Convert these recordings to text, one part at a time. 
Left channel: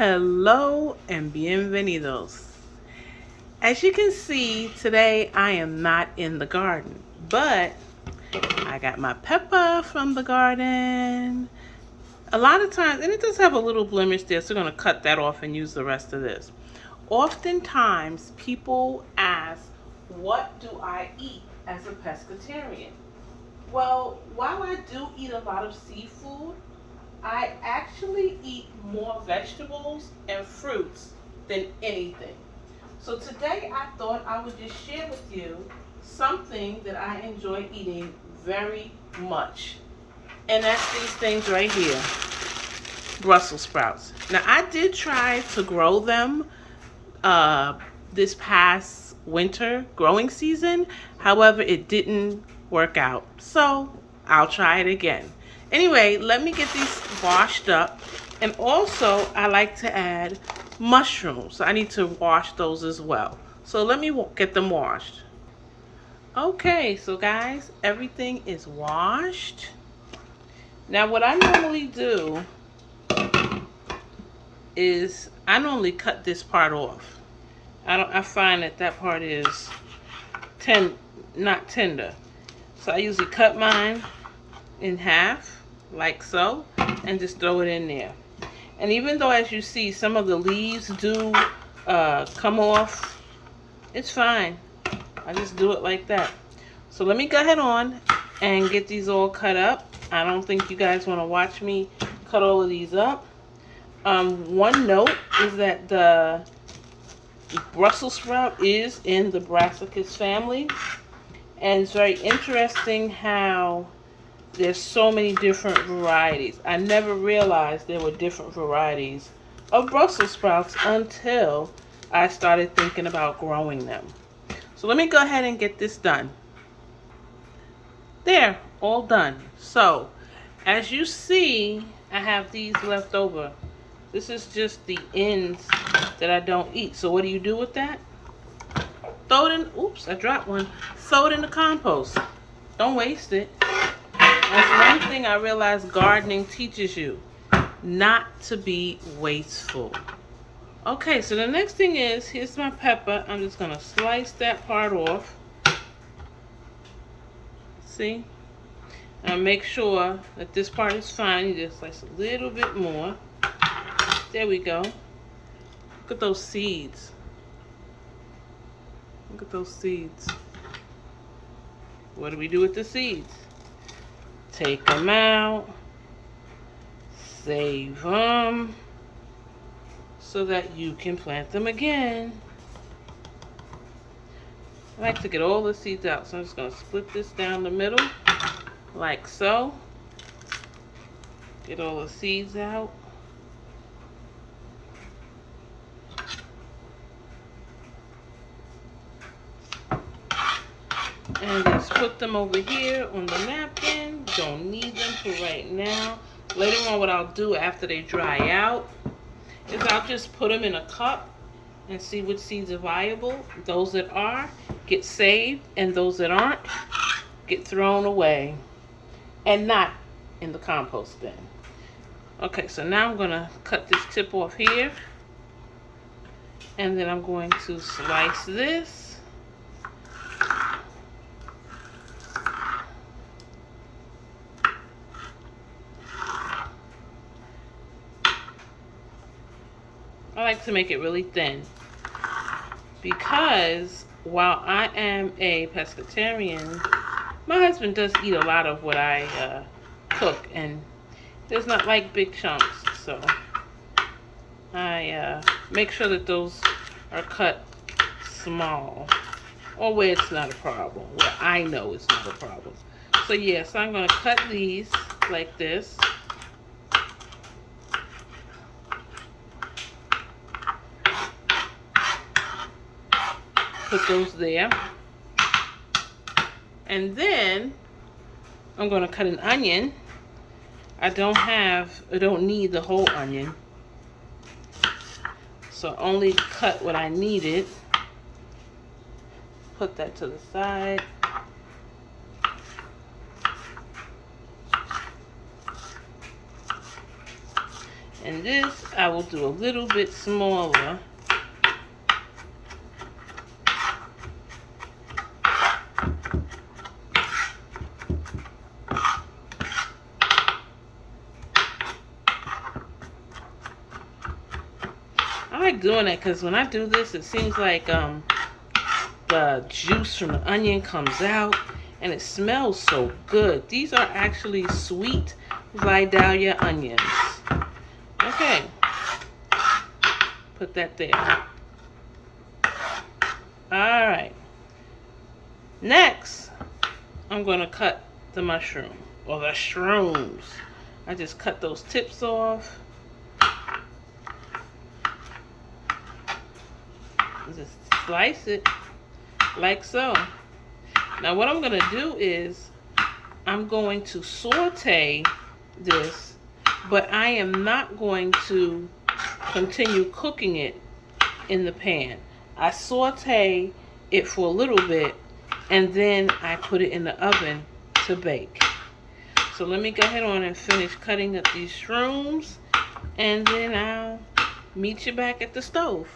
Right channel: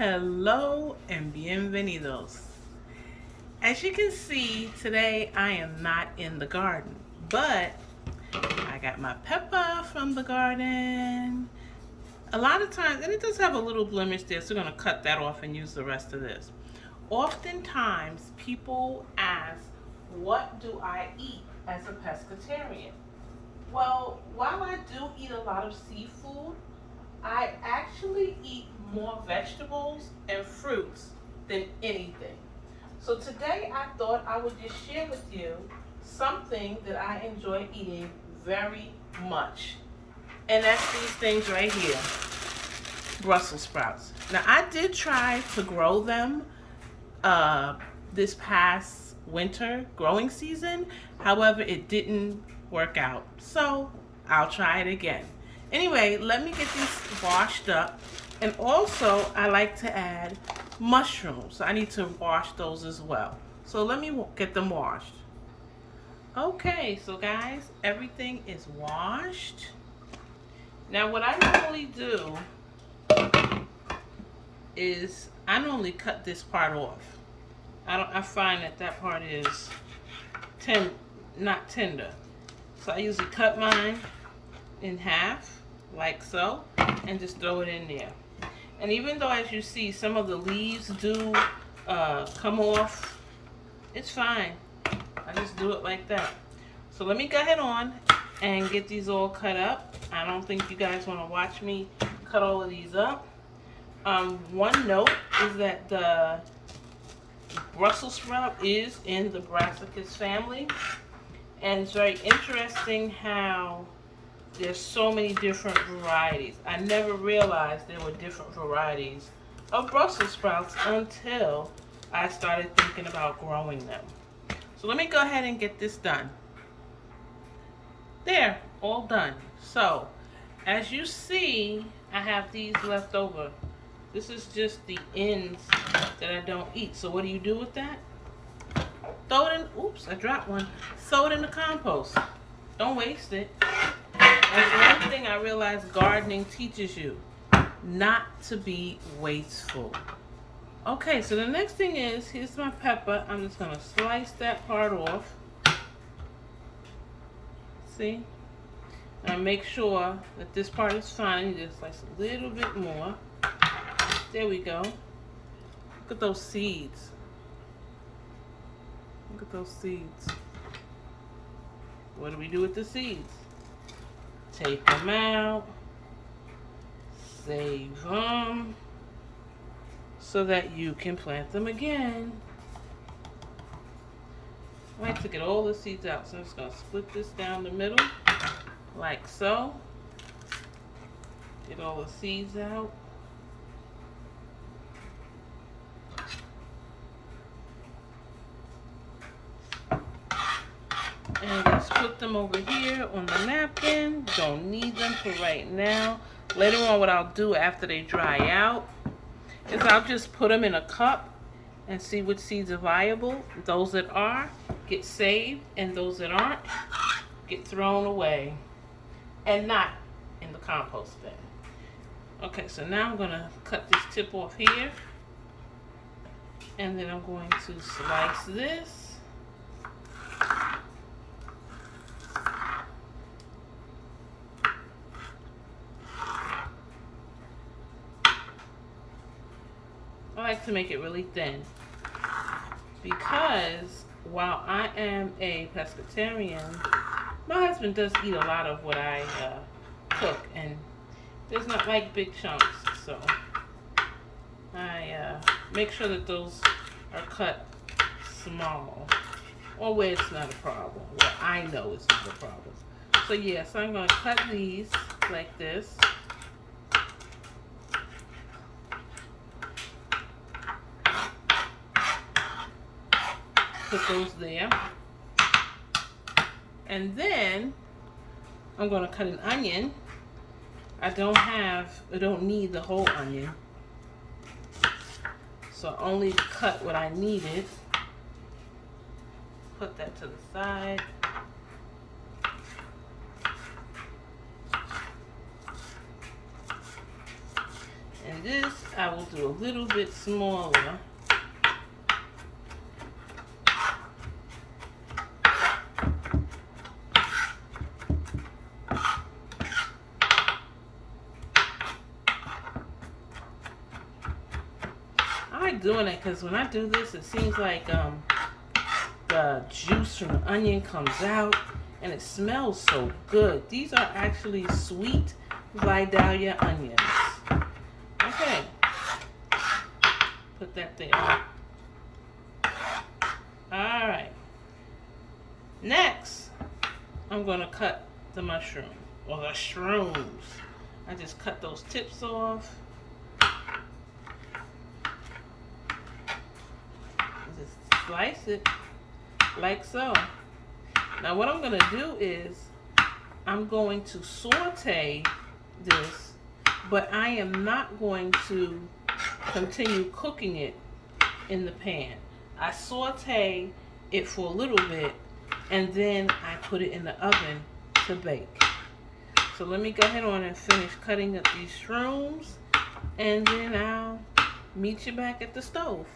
Hello and bienvenidos. As you can see, today I am not in the garden, but I got my pepper from the garden. A lot of times, and it does have a little blemish there, so we're going to cut that off and use the rest of this. Oftentimes, people ask, what do I eat as a pescatarian? Well, while I do eat a lot of seafood, I actually eat more vegetables and fruits than anything. So today I thought I would just share with you something that I enjoy eating very much. And that's these things right here, Brussels sprouts. Now I did try to grow them this past winter growing season. However, it didn't work out. So I'll try it again. Anyway, let me get these washed up. And also, I like to add mushrooms. So I need to wash those as well. So let me get them washed. Okay, so guys, everything is washed. Now what I normally do is I normally cut this part off. I find that part is not tender. So I usually cut mine in half, like so, and just throw it in there. And even though, as you see, some of the leaves do come off, it's fine. I just do it like that. So let me go ahead on and get these all cut up. I don't think you guys want to watch me cut all of these up. One note is that the Brussels sprout is in the brassicas family, and it's very interesting how there's so many different varieties. I never realized there were different varieties of Brussels sprouts until I started thinking about growing them. So let me go ahead and get this done. There, all done. So as you see, I have these left over. This is just the ends that I don't eat. So what do you do with that? Throw it in, oops, I dropped one. Throw it in the compost. Don't waste it. That's one thing I realized gardening teaches you, not to be wasteful. Okay, so the next thing is, here's my pepper. I'm just gonna slice that part off. See? And make sure that this part is fine. You just slice a little bit more. There we go. Look at those seeds. Look at those seeds. What do we do with the seeds? Take them out, save them, so that you can plant them again. I like to get all the seeds out, so I'm just going to split this down the middle, like so. Get all the seeds out. And just put them over here on the napkin. Don't need them for right now. Later on, what I'll do after they dry out is I'll just put them in a cup and see which seeds are viable. Those that are get saved, and those that aren't get thrown away and not in the compost bin. Okay, so now I'm going to cut this tip off here, and then I'm going to slice this. I like to make it really thin because while I am a pescatarian, my husband does eat a lot of what I cook, and does not like big chunks, so I make sure that those are cut small, or where it's not a problem, where I know it's not a problem. So yes, I'm going to cut these like this. Put those there. And then I'm going to cut an onion. I don't need the whole onion. So only cut what I needed. Put that to the side. And this I will do a little bit smaller. I like doing that because when I do this, it seems like the juice from the onion comes out and it smells so good. These are actually sweet Vidalia onions. Okay, put that there. Alright, next I'm going to cut the mushroom, or the shrooms. I just cut those tips off. Just slice it like so. Now what I'm going to do is I'm going to saute this, but I am not going to continue cooking it in the pan. I saute it for a little bit and then I put it in the oven to bake. So let me go ahead on and finish cutting up these shrooms, and then I'll meet you back at the stove.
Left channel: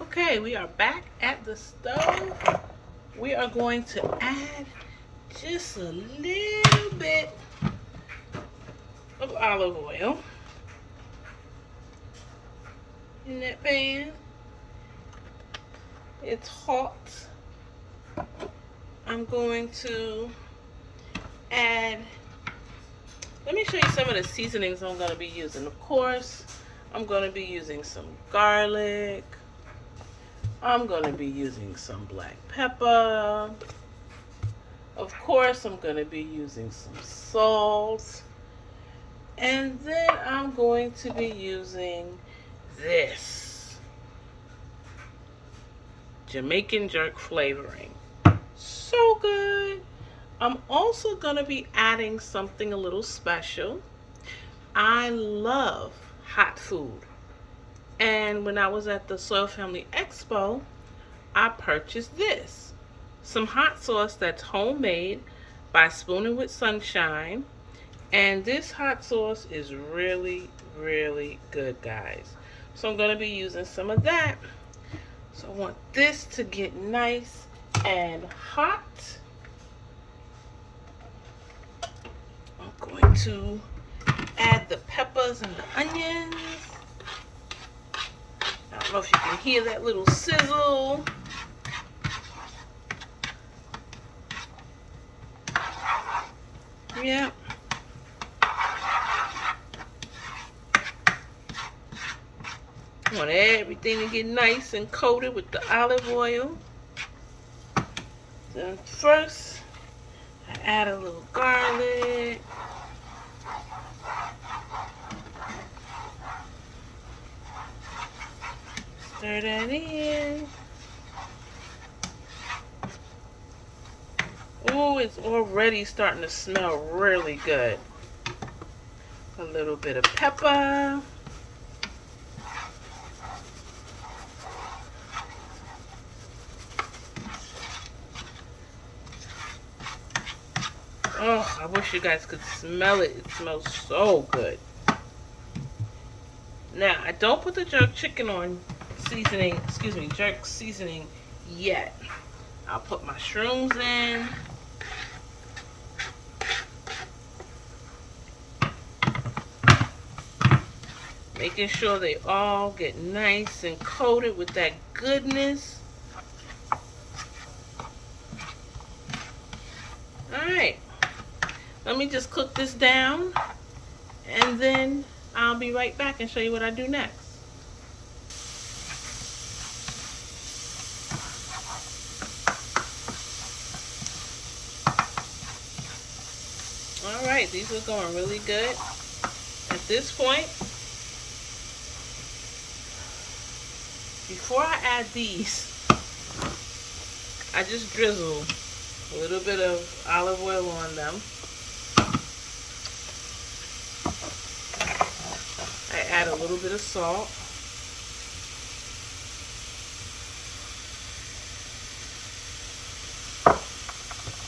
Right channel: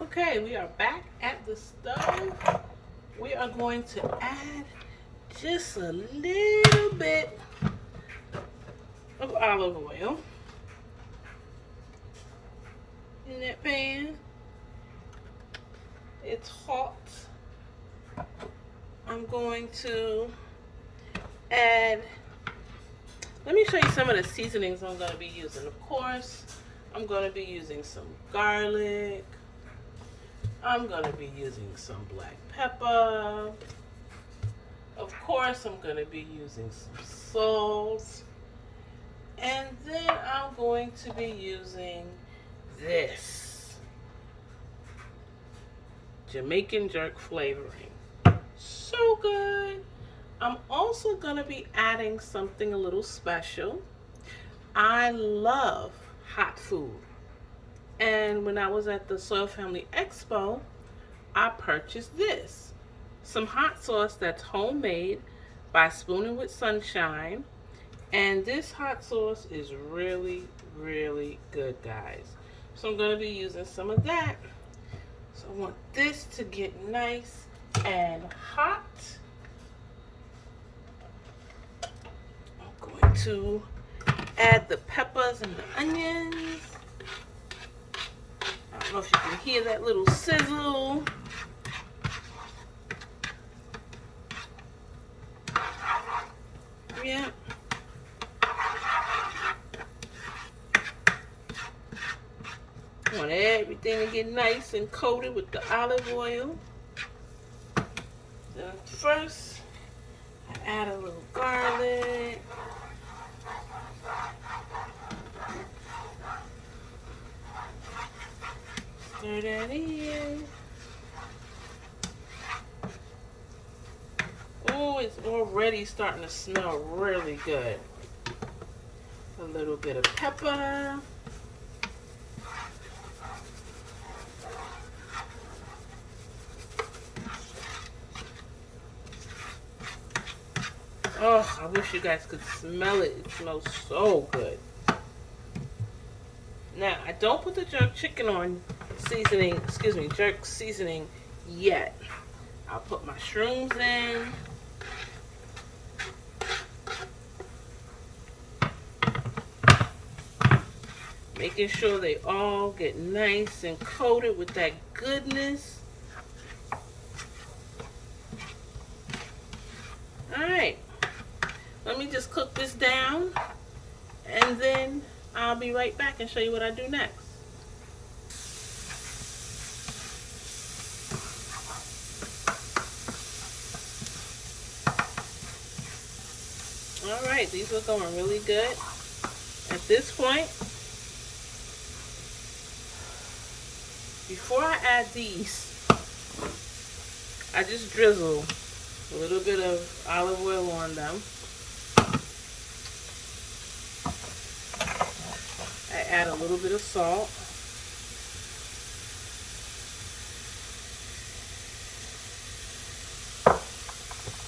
Okay, we are back at the stove. We are going to add just a little bit of olive oil in that pan. It's hot. I'm going to add, let me show you some of the seasonings I'm going to be using. Of course, I'm going to be using some garlic. I'm going to be using some black pepper. Of course, I'm going to be using some salt. And then I'm going to be using this Jamaican jerk flavoring. So good. I'm also going to be adding something a little special. I love hot food. And when I was at the Soil Family Expo, I purchased this. Some hot sauce that's homemade by Spooning with Sunshine. And this hot sauce is really, really good, guys. So I'm going to be using some of that. So I want this to get nice and hot. I'm going to add the peppers and the onions. I don't know if you can hear that little sizzle. Yeah. I want everything to get nice and coated with the olive oil. Then first, I add a little garlic. Stir that in. Oh, it's already starting to smell really good. A little bit of pepper. Oh, I wish you guys could smell it. It smells so good. Now, I don't put the jerk chicken on seasoning, jerk seasoning yet. I'll put my shrooms in. Making sure they all get nice and coated with that goodness. Alright, let me just cook this down and then I'll be right back and show you what I do next. Alright, these are going really good. At this point, before I add these, I just drizzle a little bit of olive oil on them. I add a little bit of salt.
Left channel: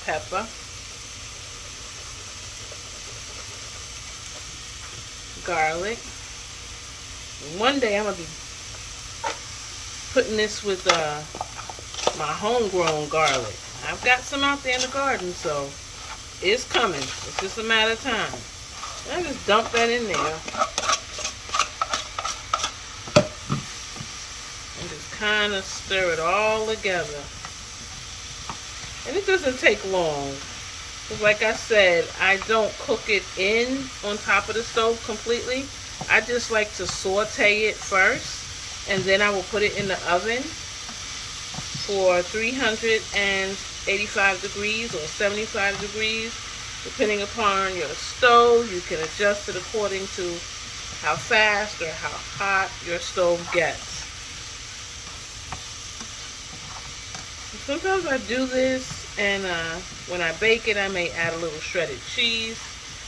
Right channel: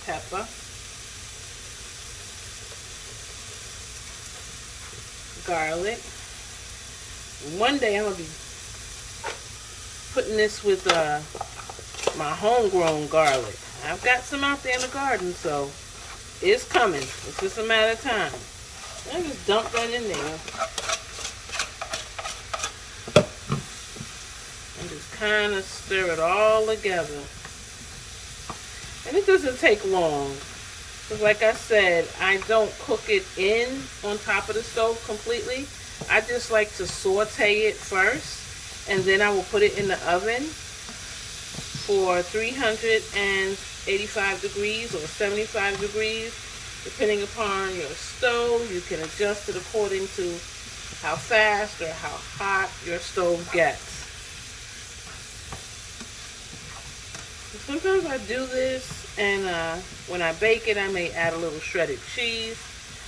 Pepper. garlic. One day I'm gonna be putting this with my homegrown garlic. I've got some out there in the garden, so it's coming. It's just a matter of time. I just dump that in there and just kind of stir it all together. And it doesn't take long. Because like I said, I don't cook it in on top of the stove completely. I just like to saute it first, and then I will put it in the oven for 385 degrees or 75 degrees, depending upon your stove. You can adjust it according to how fast or how hot your stove gets. Sometimes I do this, and when I bake it, I may add a little shredded cheese.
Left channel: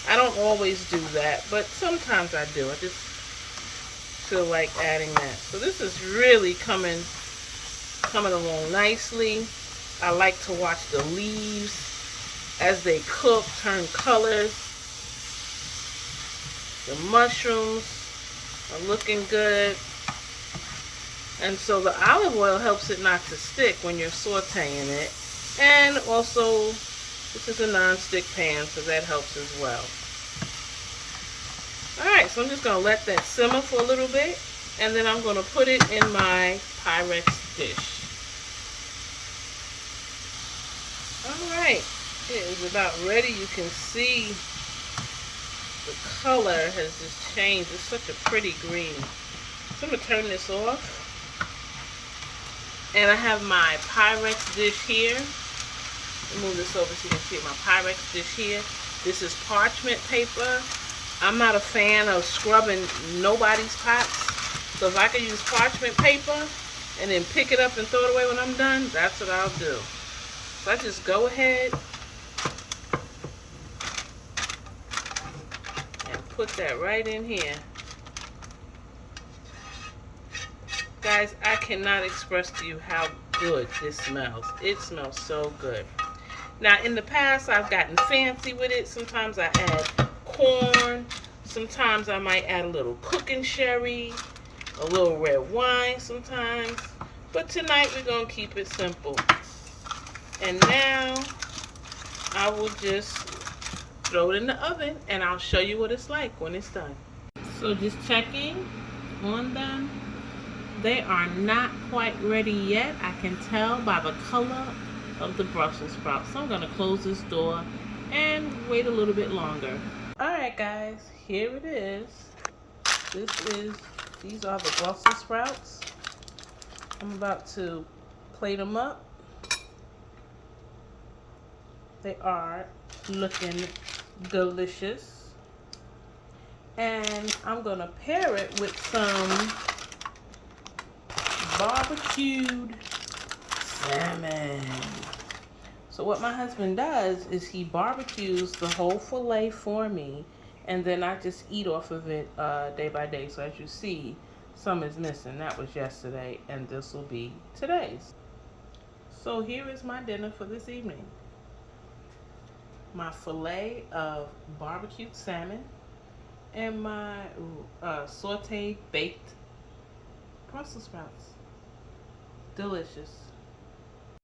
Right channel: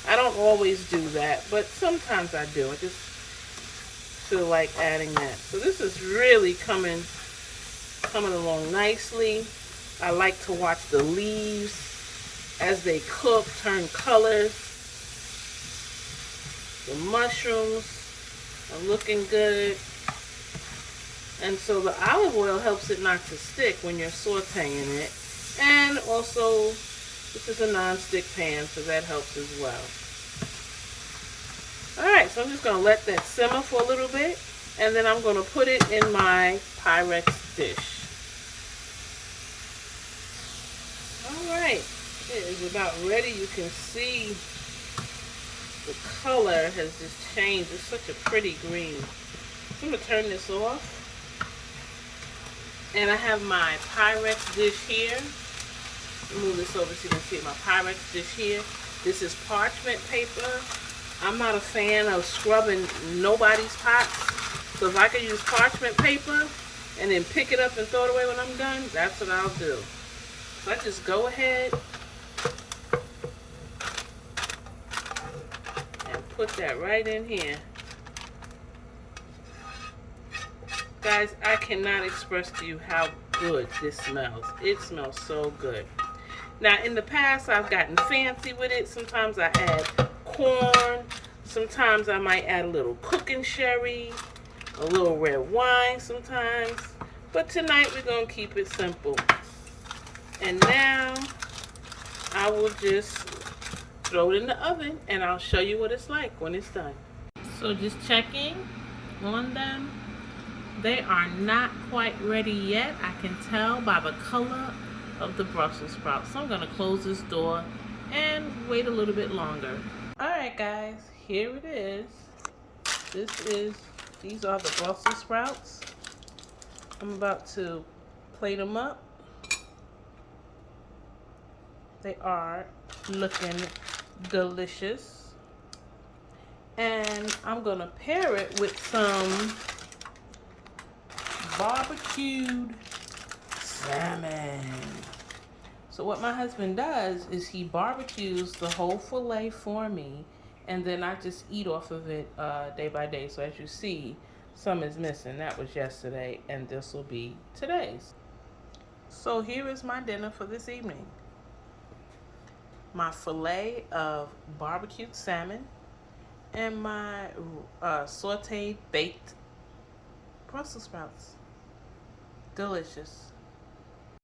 I don't always do that, but sometimes I do. I just feel like adding that. So this is really coming along nicely. I like to watch the leaves as they cook, turn colors. The mushrooms are looking good. And so the olive oil helps it not to stick when you're sauteing it. And also, this is a non-stick pan, so that helps as well. Alright, so I'm just going to let that simmer for a little bit, and then I'm going to put it in my Pyrex dish. Alright, it is about ready. You can see the color has just changed. It's such a pretty green. So I'm going to turn this off. And I have my Pyrex dish here. Move this over so you can see my Pyrex dish here. This is parchment paper. I'm not a fan of scrubbing nobody's pots. So if I could use parchment paper and then pick it up and throw it away when I'm done, that's what I'll do. So I just go ahead and put that right in here. Guys, I cannot express to you how good this smells. It smells so good. Now, in the past, I've gotten fancy with it. Sometimes I add corn. Sometimes I might add a little cooking sherry, a little red wine sometimes. But tonight, we're going to keep it simple. And now, I will just throw it in the oven, and I'll show you what it's like when it's done. So just checking on them. They are not quite ready yet. I can tell by the color of the Brussels sprouts. So I'm going to close this door and wait a little bit longer. Alright guys, here it is. These are the Brussels sprouts. I'm about to plate them up. They are looking delicious. And I'm going to pair it with some barbecued salmon. So what my husband does is he barbecues the whole fillet for me, and then I just eat off of it day by day. So as you see, some is missing. That was yesterday, and this will be today's. So here is my dinner for this evening. My fillet of barbecued salmon and my sauteed baked Brussels sprouts. Delicious.